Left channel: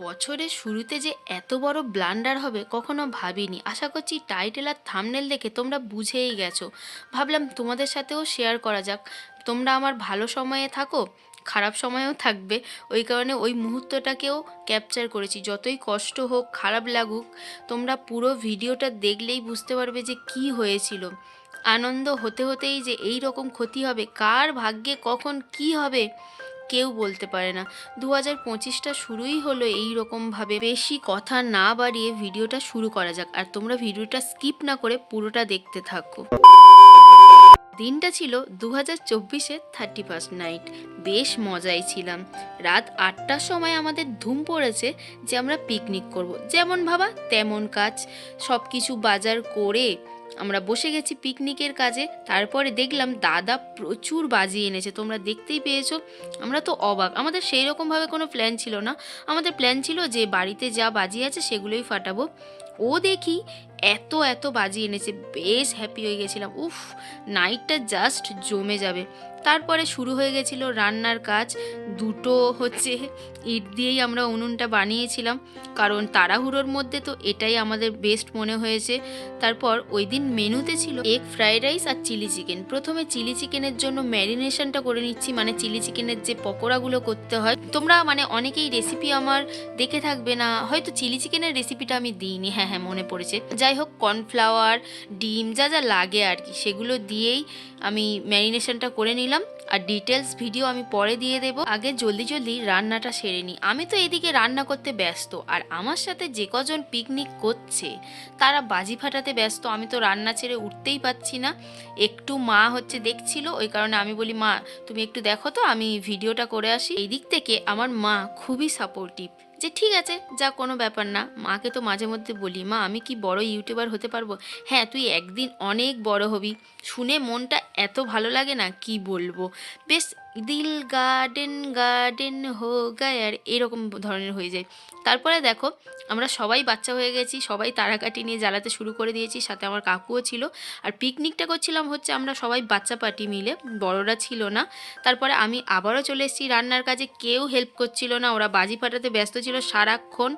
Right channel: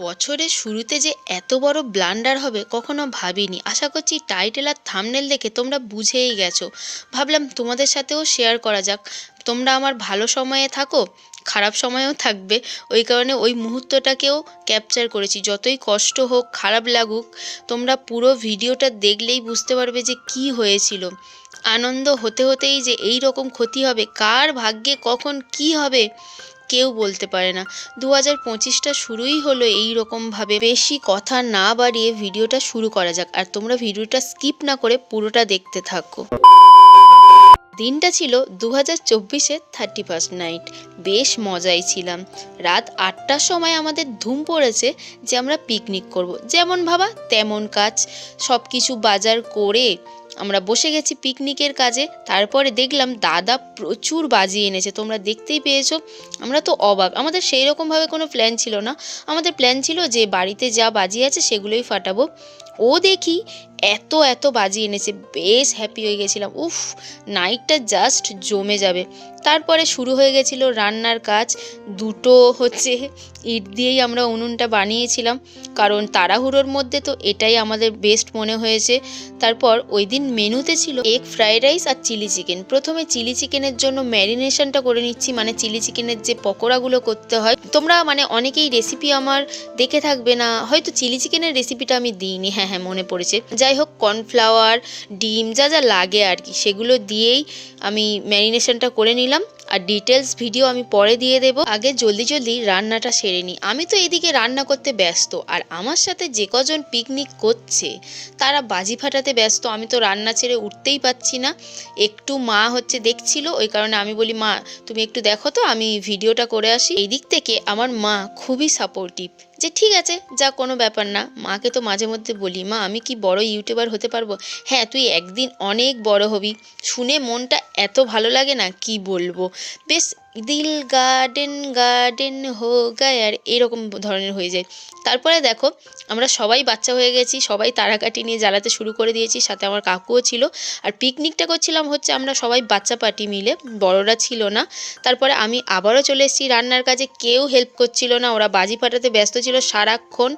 বছরের শুরুতে যে এত বড় ব্লান্ডার হবে কখনো ভাবিনি। আশা করছি টাইটেল আর থামনেল দেখে তোমরা বুঝেই গেছো। ভাবলাম তোমাদের সাথেও শেয়ার করা যাক। তোমরা আমার ভালো সময়ে থাকো, খারাপ সময়েও থাকবে। ওই কারণে ওই মুহূর্তটাকেও ক্যাপচার করেছি। যতই কষ্ট হোক, খারাপ লাগুক, তোমরা পুরো ভিডিওটা দেখলেই বুঝতে পারবে যে কি হয়েছিল। আনন্দ হতে হতেই যে এই রকম ক্ষতি হবে। কার ভাগ্যে কখন কি হবে? কেউ বলতে পারে না। দু হাজার পঁচিশটা শুরুই হলো এই রকমভাবে বেশি কথা না বাড়িয়ে ভিডিওটা শুরু করা যাক। আর তোমরা ভিডিওটা স্কিপ না করে পুরোটা দেখতে থাকো। দিনটা ছিল দু হাজার চব্বিশের থার্টি ফার্স্ট নাইট। বেশ মজাই ছিলাম। রাত আটটার সময় আমাদের ধুম পড়েছে যে আমরা পিকনিক করব। যেমন ভাবা, তেমন কাজ। সব কিছু বাজার করে আমরা বসে গেছি পিকনিকের কাজে। তারপরে দেখলাম দাদা প্রচুর বাজি এনেছে, তোমরা দেখতেই পেয়েছ। আমরা তো অবাক। আমাদের সেই রকমভাবে কোনো প্ল্যান ছিল না। আমাদের প্ল্যান ছিল যে বাড়িতে যা বাজি আছে সেগুলোই ফাটাবো। ও দেখি এত এত বাজি এনেছে। বেশ হ্যাপি হয়ে গেছিলাম। উফ নাইটটা জাস্ট জমে যাবে। তারপরে শুরু হয়ে গেছিল রান্নার কাজ। দুটো হচ্ছে ইট দিয়েই আমরা উনুনটা বানিয়েছিলাম, কারণ তাড়াহুড়োর মধ্যে তো এটাই আমাদের বেস্ট মনে হয়েছে। তারপর ওই দিন মেনুতে ছিল এগ ফ্রাইড রাইস আর চিলি চিকেন প্রথমে চিলি চিকেনের জন্য ম্যারিনেশনটা করে নিচ্ছি মানে চিলি চিকেনের যে পকোড়াগুলো করতে হয়। তোমরা মানে অনেকেই রেসিপি আমার দেখে থাকবে না, হয়তো চিলি চিকেনের রেসিপিটা আমি দিইনি হ্যাঁ হ্যাঁ মনে পড়েছে। যাই হোক কর্নফ্লাওয়ার ডিম, যা যা লাগে আর কি, সেগুলো দিয়েই আমি ম্যারিনেশনটা করে নিলাম। আর ডিটেলস ভিডিও আমি পরে দিয়ে দেব। আগে জলদি জলদি রান্নাটা সেরে নিই আমি তো এদিকে রান্না করতে ব্যস্ত, আর আমার সাথে যে কজন পিকনিক করছে, তারা বাজি ফাটাতে ব্যস্ত। আমি তো রান্না ছেড়ে উঠতেই পাচ্ছি না। একটু মা হচ্ছে দেখছিল, ওই কারণে আমি বলি, মা, তুমি একটু দেখো তো, আমি ভিডিওটা করে আসি। এই দিক থেকে আমার মা খুবই সাপোর্টিভ যে ঠিক আছে, যা কোনো ব্যাপার না। মাকে তো মাঝে মধ্যে বলি, মা, আমি কি বড় ইউটিউবার হতে পারব? হ্যাঁ তুই একদিন অনেক বড় হবি। শুনে মনটা এত ভালো লাগে না, কি বলব? বেশ দিল গার্ডেন গার্ডেন হো গায় আর এরকম ধরনের হয়ে যায়। তারপরে দেখো, আমরা সবাই বাচ্চা হয়ে গেছি, সবাই তারাকাটি নিয়ে জ্বালাতে শুরু করে দিয়েছি, সাথে আমার কাকুও ছিল। আর পিকনিকটা করছিলাম হচ্ছে আমরা সবাই বাচ্চা পার্টি মিলে, বড়রা ছিল না। তারপরে আমি আবারও চলে এসেছি রান্নার কাজে, কেউ হেল্প করছিল না, ওরা বাজি ফাটাতে ব্যস্ত ছিল সারাক্ষণ।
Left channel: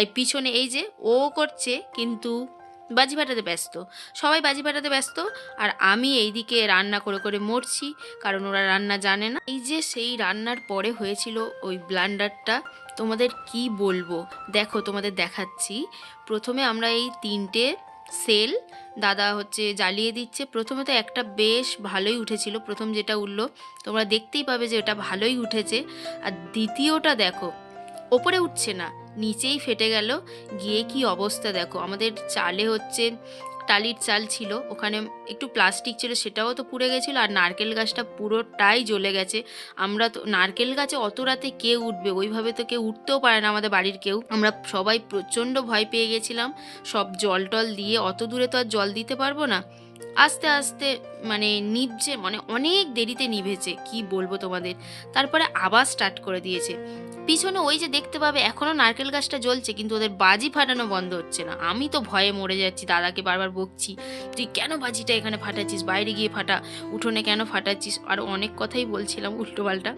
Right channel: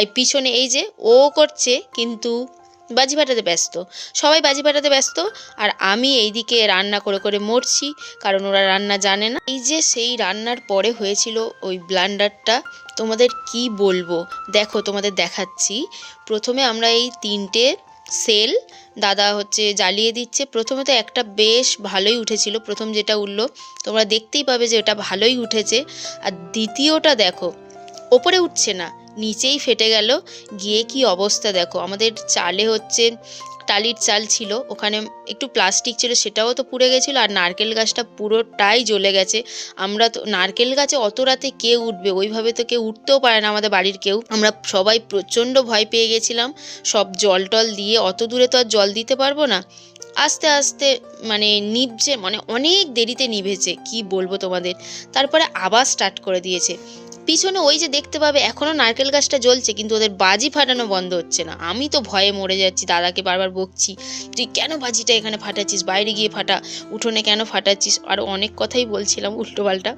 এই পিছনে এই যে ও করছে, কিন্তু বাজি ফাটাতে ব্যস্ত। সবাই বাজি ফাটাতে ব্যস্ত, আর আমি এইদিকে রান্না করে করে মরছি, কারণ ওরা রান্না জানে না। এই যে সেই রান্নার পরে হয়েছিল ওই ব্লান্ডারটা, তোমাদের কি বলব? দেখো, তোমাদের দেখাচ্ছি। প্রথমে আমরা এই তিনটে সেল দাদা হচ্ছে জ্বালিয়ে দিচ্ছে। প্রথমে তো একটা বেশ ভালোই উঠেছিল, প্রথম যেটা উঠল, তোমরা দেখতেই পাবে যে ওটা ভালোই উঠেছে। আর দ্বিতীয়টা দেখো, ওপরে উঠছে না। নিচেই ফেটে গেল। গিয়ে কি অবস্থা দেখো। আমাদের চালে হচ্ছে টালির চাল ছিল, ওখানে একটু প্লাস্টিক ছিল, সেটাও তো পুড়ে গেছিল আর নারকেল গাছটা পুরোটাই জ্বলে গেছে। আমরা তো, নারকেল গাছে অত রাতে কে উঠবে? ওইভাবে তো কেউ উঠতেও পারে না আমাদের বাড়ির কেউ। আমরা সবাই প্রচণ্ড ভয় পেয়ে গেছিলাম। সব জল টল দিয়ে অত দূরে তো আর জল দিতে পারব না। আস্তে আস্তে মানে নিভছে মানে অনেক দেরিতে নিভেছে, কি বলব তোমাদের? তারপরে আবার স্টার্ট করে দিয়েছে। পিছনে ওই যে দেখতে পাবে এখনও নারকেল গাছটা জ্বলছে, কিন্তু ওদের বাজি ফাটানো বন্ধ হচ্ছে না। আমি তো ভয়ে মরে যাচ্ছি, দাদাকে বারবার বকছি, তুই কেন বাজিটা এখানে ফাটাচ্ছিস? বাইরে গিয়ে ফাটা, উঠোনে কেন ফাটাচ্ছিস? আরও অনেক কথাই বলছিলাম উল্টোপাল্টা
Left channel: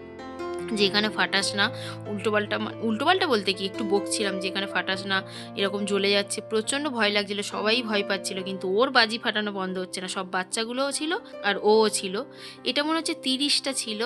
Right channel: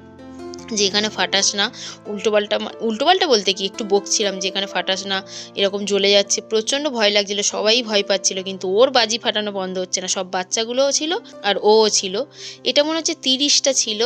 যে এখানে ফাটাস না। উল্টোপাল্টা উল্টোপাল্টা বলতে কি, একটু বকছিলাম যে এখানে ফাটাস না, এরকম জ্বলে যাচ্ছে। প্রচণ্ড ভয় লাগছিল, সবাই ভয় পাচ্ছিল, কিন্তু ওর বাজি ফাটানো বন্ধ হচ্ছে না। সব বাচ্চাগুলোও ছিল আর ওও ছিল। এটা মনে হচ্ছে তিরিশটা ছিল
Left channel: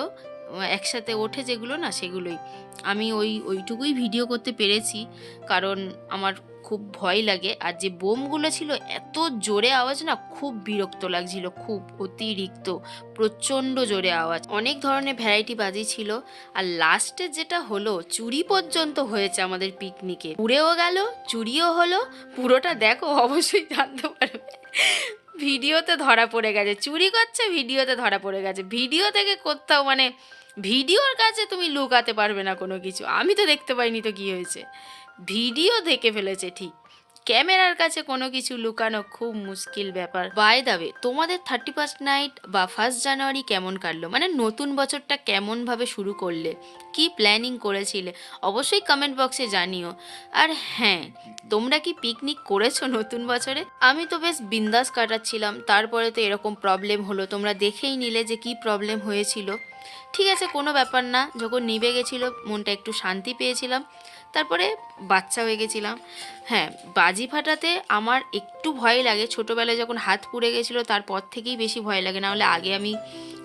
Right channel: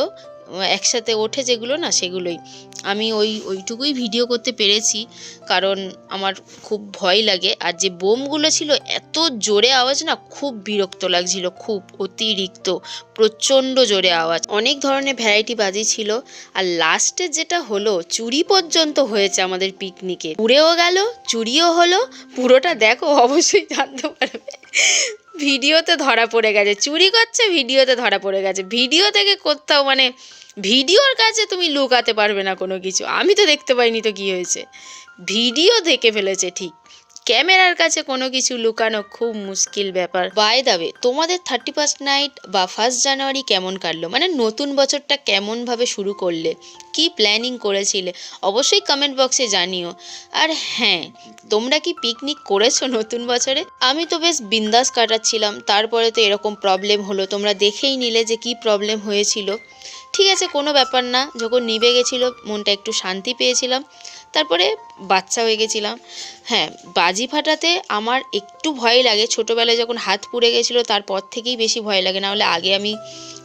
একসাথে ওঠে যেগুলো না সেগুলোই। আমি ওই, ওইটুকুই ভিডিও করতে পেরেছি, কারণ আমার খুব ভয় লাগে। আর যে বোমগুলো ছিল, এত জোরে আওয়াজ না খুব বিরক্ত লাগছিল, খুব অতিরিক্ত, প্রচণ্ড জোরে আওয়াজ। অনেক ধরনের ভ্যারাইটি বাজি ছিল। আর লাস্টে যেটা হলো, চুরি পর্যন্ত হয়েছে আমাদের পিকনিকে উড়েও গেল, চুরিও হলো, পুরোটা দেখো, অবশ্যই জানতে পারবে। ভিডিওতে ধরা পড়ে গেছে, চুরি করছে, ভিডিওতে ধরা পড়ে গেছে। ভিডিও থেকে কোথাও মানে ভিডিওর কাছে তুমি লুকাতে পারবে না কোনো কিছু। আমি তো দেখতে পাইনি তো কি হয়েছে। ভিডিও দেখে ফেলেছে ঠিক। ক্যামেরার কাছে কোনো কিছু লুকানো খুব মুশকিল ব্যাপার। বাই দাবে তোমাদের থার্টি ফার্স্ট নাইট বা ফার্স্ট জানুয়ারি কেমন কাটলো? মানে নতুন বছরটা কেমনভাবে শুরু করলে? কি প্ল্যানিং করেছিলে? অবশ্যই কমেন্ট বক্সে জানিও। আর হ্যাঁ তোমরা কি পিকনিক করেছ নতুন বছরে? আমি তো বেশ বিন্দাস কাটাচ্ছিলাম। তারপরে তো এরকম প্রবলেম হলো। তোমরা দেখেই নিলে যে কি প্রবলেম হয়েছিল। ঠিক আছে, কোনো ব্যাপার না। যখন নিভে গেছিল, মনটা একটু শান্তি পেয়েছিলাম। তারপরে বাচ্চা হয়ে গেছিলাম। হ্যাঁ বাজি ফাটাতে আমার একটু ভয় লাগে। ছোটোবেলায় যখন হাত পুড়ে গেছিল, তারপর থেকেই বেশি ভয় লাগে। নাহলে আগে আমি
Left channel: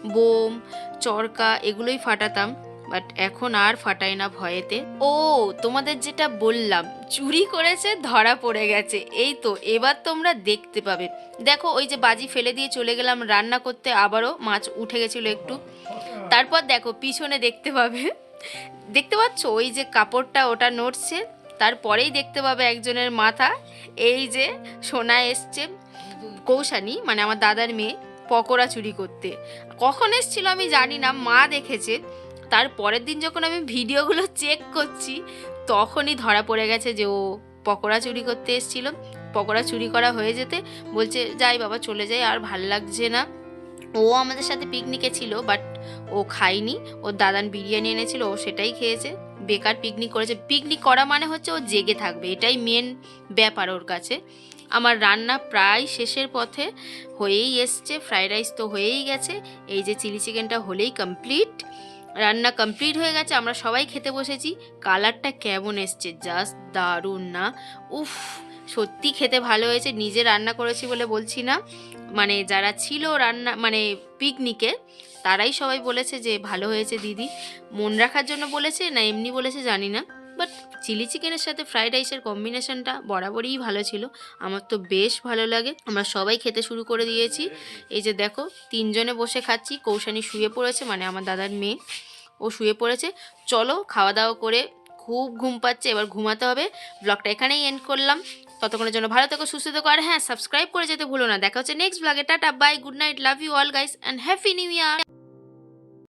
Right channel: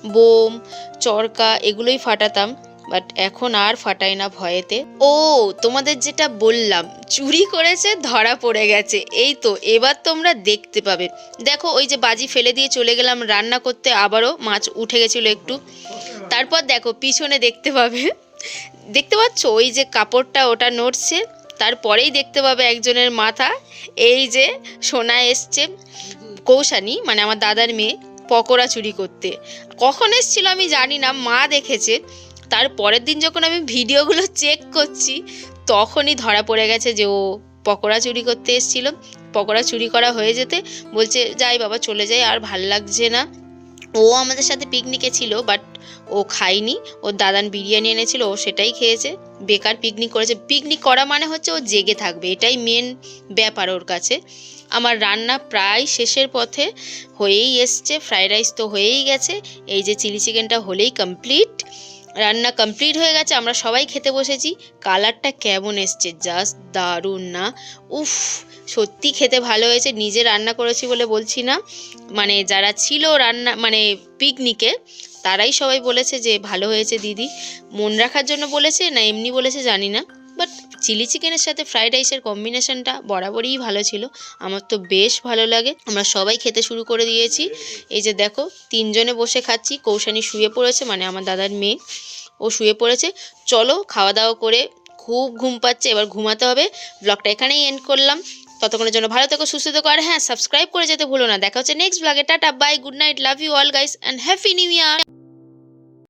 বোম, চরকা এগুলোই ফাটাতাম। বাট এখন আর ফাটাই না ভয়েতে। ও, তোমাদের যেটা বললাম, চুরি করেছে, ধরা পড়ে গেছে। এই তো, এবার তোমরা দেখতে পাবে। দেখো, ওই যে বাজি ফেলে দিয়ে চলে গেলাম রান্না করতে, আবারও মাছ উঠে গেছিল একটু। তারপর দেখো, পিছনে দেখতে পাবে। দেখতে পাচ্ছ? ওই যে কাপড়টা ওটা নড়ছে। তারপরেই দেখতে পাবে একজনের মাথা। এই যে সোনা এসছে। কৌশানি মানে আমার দাদার মেয়ে, পকোড়া চুরি করতে। কখন এসছিল আমি জানি না, মা দেখেছে। তার পরের দিন যখন আমি ভিডিওগুলো চেক করছি, তখনই ধরা পড়ে গেছে যে ও পকোড়া চুরি করতে এসেছিল। পকোড়া চুরি করা হয়ে যেতে বলছে, যাই বাবা, চলে যাই, আর ভালো লাগছে না। ও আমাদের সাথে পিকনিকে ছিল বাট ও খায়নি। ওর দাদান বিরিয়ানি এনেছিল, ও সেটাই খেয়েছে। বেকার পিকনিক করেছে। পিকনিক করা মানে হচ্ছে ও জেগে থাকবে, এটাই মেন ব্যাপার ওর কাছে। আমার রান্না প্রায় শেষের পথে হয়েই এসছে ফ্রাইড রাইস তো হয়েই গেছে। এই যে চিলি চিকেনটা হলেই কমপ্লিট রান্না কমপ্লিট হয়ে গেছে, আমরা সবাই খেতে বসেছি। কালারটা কেমন এসছে জাস্ট দারুণ না? উফ, সত্যি খেতে ভালো হয়েছে, নিজে রান্না করেছি বলে বলছি না। মানে যারা ছিল রান্না মানে পিকনিকে তারাই সবাই বলেছে যে ভালো হয়েছে দিদি। মন রাখার জন্য বলেছে, না এমনি বলেছে জানি না। বাট চিলি চিকেনের সাথে ফ্রাইড রাইসের কম্বিনেশনটা বরাবরই ভালো ছিল। আমার তো বেশ ভালো লাগে। আমরা সবাই খেতে শুরু করে দিয়েছি। এই যে দেখো, তিনজনে বসে খাচ্ছি, কৌশানি শুয়ে পড়েছে মানে আমার দাদার মেয়ে। ও শুয়ে পড়েছে। চলো খাওয়া দাওয়া করে খুব ঘুম পাচ্ছে, এবার ঘুমাতে হবে। ব্লগটা এখানেই এন্ড করলাম। ততক্ষণের জন্য ভালো থেকো, সুস্থ থেকো, আর হ্যাঁ সাবস্ক্রাইব করে যেতে ভুলো না। দেখা হচ্ছে নেক্সট ব্লগে tata bye good night love you all guys and happy new year